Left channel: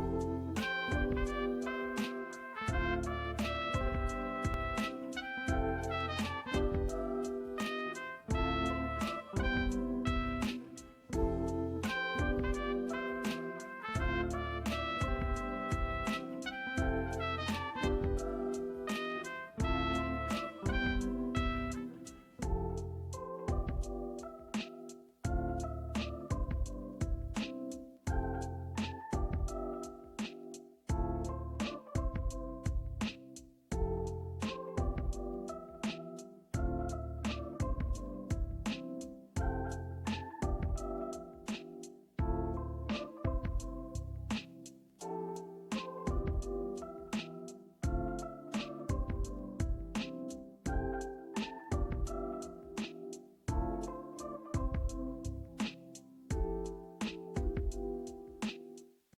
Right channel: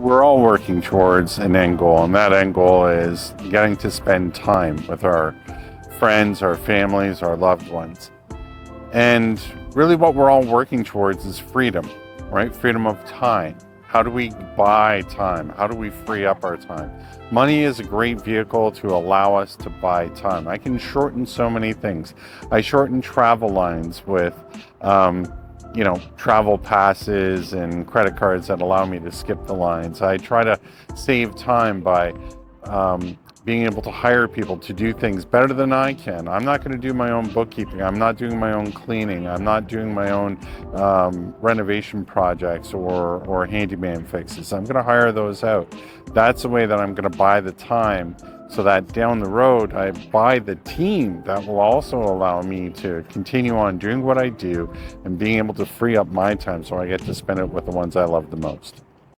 we're all working towards an end goal, and that end goal is getting to spend time with our friends, our families, our loved ones. And really what we're all working towards is freedom, right? Freedom of time. How do we buy time? How do we free up our time? Money is a great vehicle to allow us to buy time. I can shorten so many things. I shorten travel lines with, travel passes and credit cards that allow me to skip the lines. I try to save time by being able to hire people to do things better than I can. I'm not going to do my own bookkeeping. I'm not doing my own cleaning. I'm not doing my own renovation projects or handyman fixes. I'm going to hire those out. That's the way that I'm going to buy the time, so that down the road I buy the team that will also allow me to continue on doing what I do and being able to free up my time so I get to spend it with the ones I love the most.